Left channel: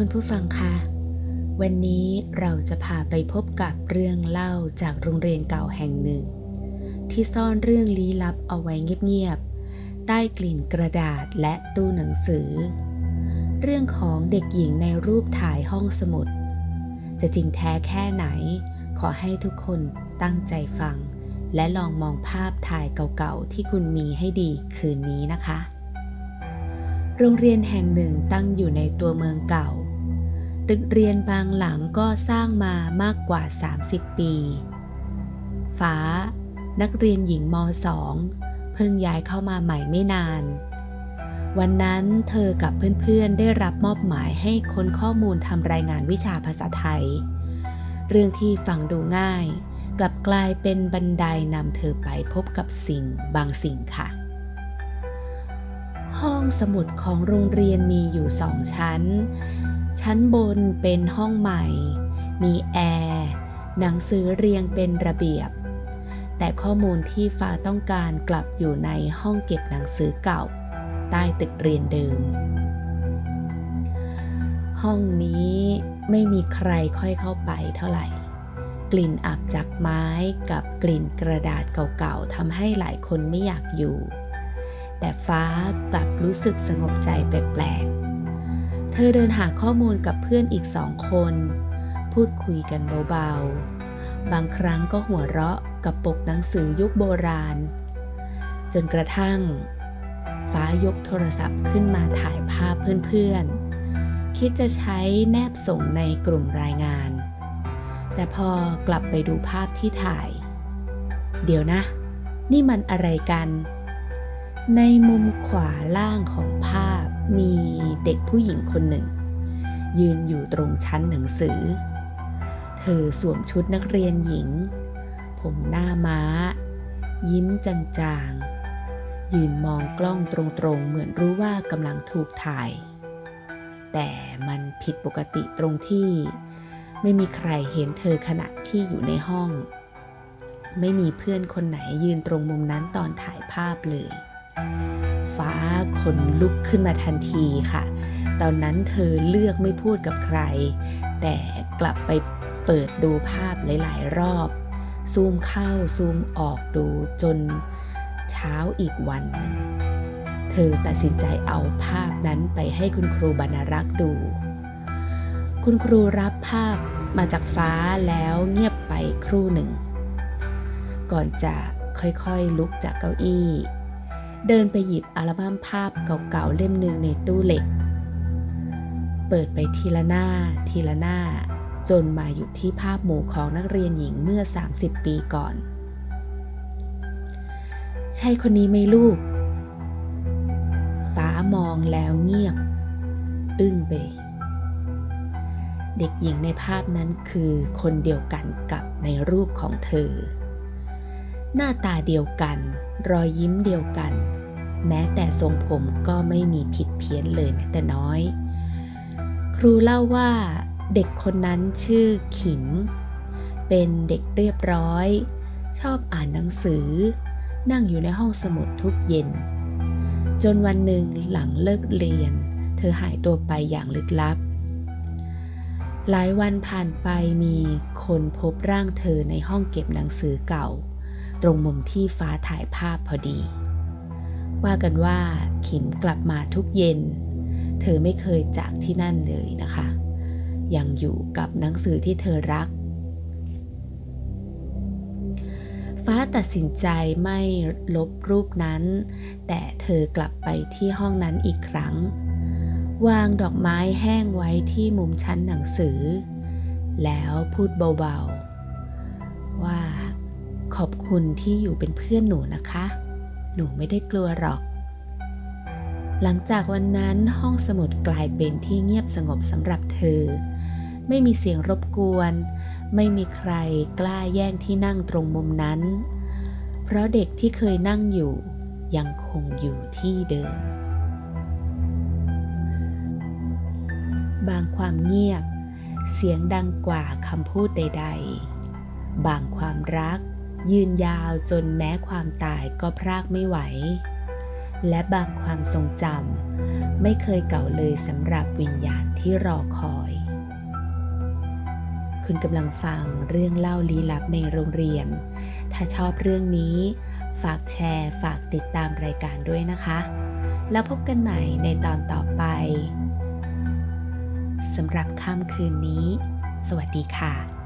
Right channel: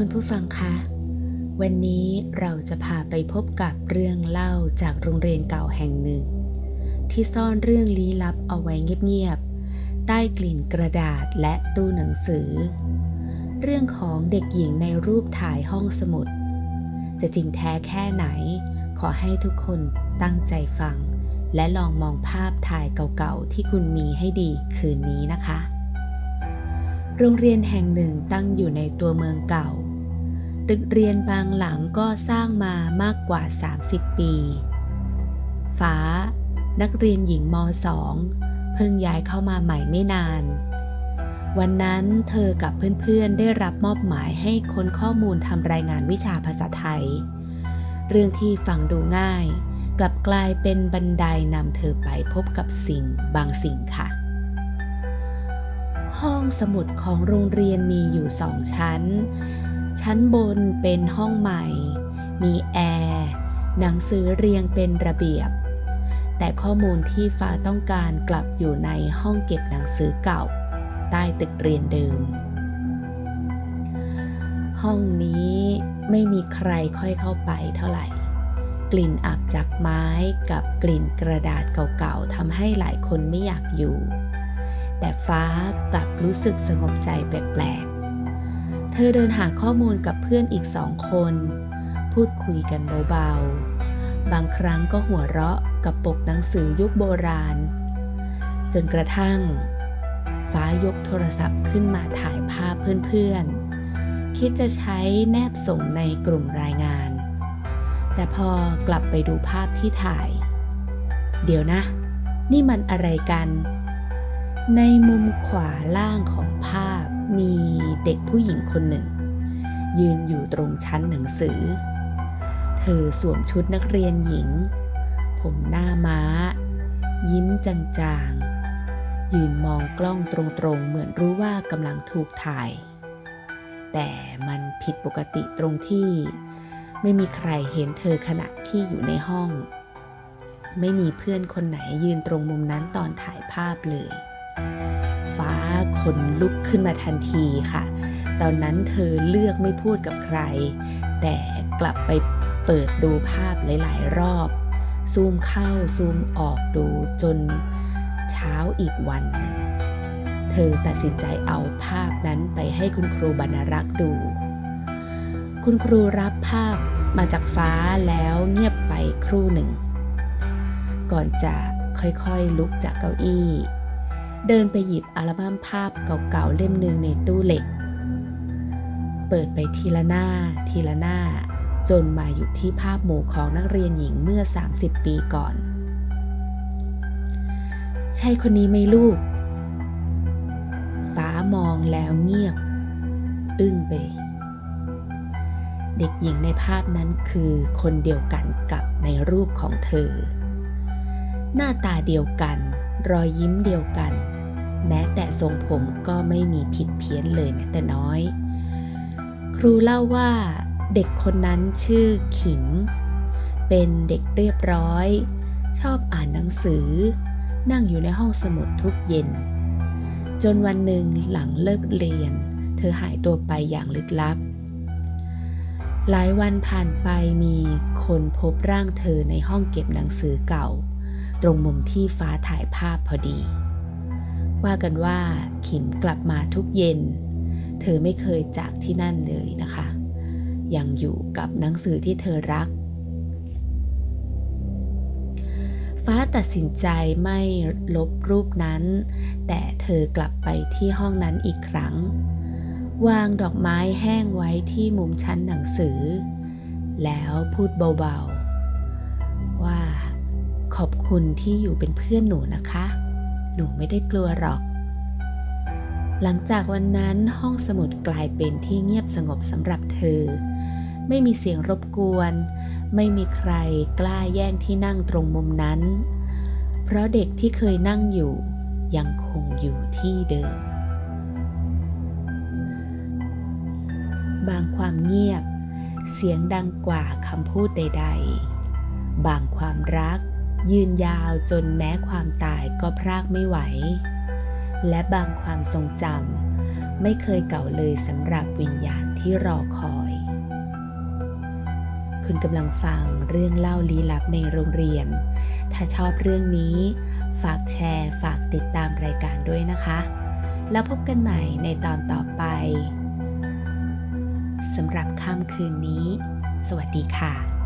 คุณผู้ฟังคะ วันนี้เราจะพาไปพบกับเรื่องเล่าจากโรงเรียนเก่าแห่งหนึ่ง ที่ซ่อนเรื่องลี้ลับเอาไว้เงียบๆ ใต้กลิ่นกระดาษและตู้หนังสือ เรื่องของเด็กหญิงในรูปถ่ายห้องสมุด จะจริงแท้แค่ไหน ขอให้ทุกคนตั้งใจฟัง และลองมองภาพถ่ายเก่าๆ ที่คุณมีให้ดีคืนนี้นะคะ โรงเรียนแห่งหนึ่งตั้งอยู่ในตัวเมืองเก่า ตึกเรียนบางหลังก็สร้างมามากกว่า 30 ปี ฟ้า นักเรียนหญิงม .2 เพิ่งย้ายเข้ามาใหม่ไม่นาน วันนั้นเธอกับเพื่อนๆได้รับมอบหมายให้ค้นข้อมูลทำรายงานวิชาภาษาไทย เรื่องที่ฟังดูง่าย กลับกลายเป็นบันไดนำเธอไปพบกับสิ่งบางสิ่งค่ะ ห้องสมุดของโรงเรียนมีอยู่สองชั้น ชั้นบนเป็นห้องใหม่ มีแอร์หนังสือเรียงเป็นระเบียบ แต่ข้อมูลที่ฟ้าต้องการกลับอยู่ในห้องเก็บหนังสือเก่า ใต้ตึกเรียนเดิม ห้องนี้ไม่มีใครค่อยเข้าไปเท่าไหร่กลิ่นอับจากไม้กับกลิ่นกระดาษเก่าๆทำให้หลายคนไม่อยากอยู่ แต่ฟ้ากลับรู้สึกสงบใจแปลกๆ เธอเดินหาข้อมูลกับเพื่อนอีกสองคน พูดคุยกันเบาๆ บางครั้งก็หัวเราะกับปกหนังสือยุคโบราณ จนกระทั่ง ฟ้ายกโทรศัพท์ขึ้นมาถ่ายภาพเพื่อนๆ คิดจะใช้แนบส่งในกลุ่มรายงาน แต่พอกลับไปดูภาพที่ถ่าย เดี๋ยวนะ นี่มันอะไรกัน ในมุมขวาล่างของภาพมีเด็กผู้หญิงคนหนึ่ง ยืนอยู่ตรงชั้นหนังสือ เธอสวมชุดนักเรียนหญิง ผมหน้าม้า ยิ้มจางๆ ยืนมองกล้องตรงๆ เหมือนรู้ว่ากำลังถูกถ่าย แต่มันผิดปกติตรงที่ ไม่มีใครเห็นเธอขณะที่อยู่ในห้อง ไม่มีเพื่อนคนไหนยืนตรงมุมนั้นตอนถ่ายภาพเลย ฟ้าขนลุกขึ้นมาทันทีค่ะ ตอนนั้นเธอเลือกไม่พูดกับใคร แต่กลับไปเปิดดูภาพหลาย ๆ รอบ ซูมเข้าซูมออกดูจนเช้าอีกวันหนึ่งเธอตัดสินใจเอาภาพนั้นไปให้คุณครูบรรรักษ์ดู คุณครูรับภาพมาจากฟ้าแล้วเงียบไปครู่หนึ่ ง ก่อนจะค่อยๆลุกจากเก้าอี้ เดินไปหยิบอัลบั้มภาพเก่าๆเล่มหนึ่งในตู้เหล็ก เปิดไปทีละหน้า ทีละหน้า จนมาอยู่ที่ภาพหมู่ของนักเรียนหญิงเมื่อ 30 ปีก่อน ใช่คนนี้ไหมลูก ฟ้ามองแล้วเงียบ อึ้งไป เด็กหญิงในภาพนั้นคือคนเดียวกันกับในรูปของเธอหน้าตาเดียวกัน รอยยิ้มเดียวกัน แม้แต่ทรงผมก็ไม่มีผิดเพี้ยนเลยแม้แต่น้อย ครูเล่าว่าเด็กคนนั้นชื่อขิม เป็นเด็กเรียบร้อย ชอบอ่านหนังสือ นั่งอยู่ในห้องสมุดทุกเย็น จนวันหนึ่งหลังเลิกเรียน เธอหายตัวไปอย่างลึกลับ หลายวันผ่านไปมีคนพบร่างเธอในห้องเก็บหนังสือเก่า ตรงมุมที่ฟ้าถ่ายภาพพอดี ว่ากันว่าขิมกลับมาทุกเย็น เธอไม่เคยจากที่นั่นเลยนะคะ ยังอยู่กับหนังสือที่เธอรัก ฟ้าตัดสินใจไม่ลบรูปนั้น แต่เธอกลับไปที่ห้องนั้นอีกครั้ง วางดอกไม้แห้งไว้ที่มุมชั้นหนังสือ แล้วพูดเบาๆ ว่าขอบคุณที่อยู่เป็นเพื่อนหนูนะคะ หนูไม่ได้กลัวหรอก หลังจากวันนั้นห้องสมุดกลายเป็นที่เงียบสงบสำหรับเธอ ไม่มีเสียงรบกวน ไม่มีใครกล้าแย่งที่นั่งตรงมุมนั้น เพราะเด็กที่เคยนั่งอยู่ยังคงอยู่ที่เดิม บางความเงียบ เสียงดังกว่าคำพูดใด ๆ บางความรัก ยืนยาวจนแม้ความตายก็พรากไม่ไหว และบางความทรงจำไม่เคยเก่าเลยสำหรับวิญญาณที่รอคอย คุณกำลังฟังเรื่องเล่าลี้ลับในโรงเรียน ถ้าชอบเรื่องนี้ ฝากแชร์ ฝากติดตามรายการด้วยนะคะ แล้วพบกันใหม่ในตอนต่อไปสำหรับค่ำคืนนี้ สวัสดีค่ะ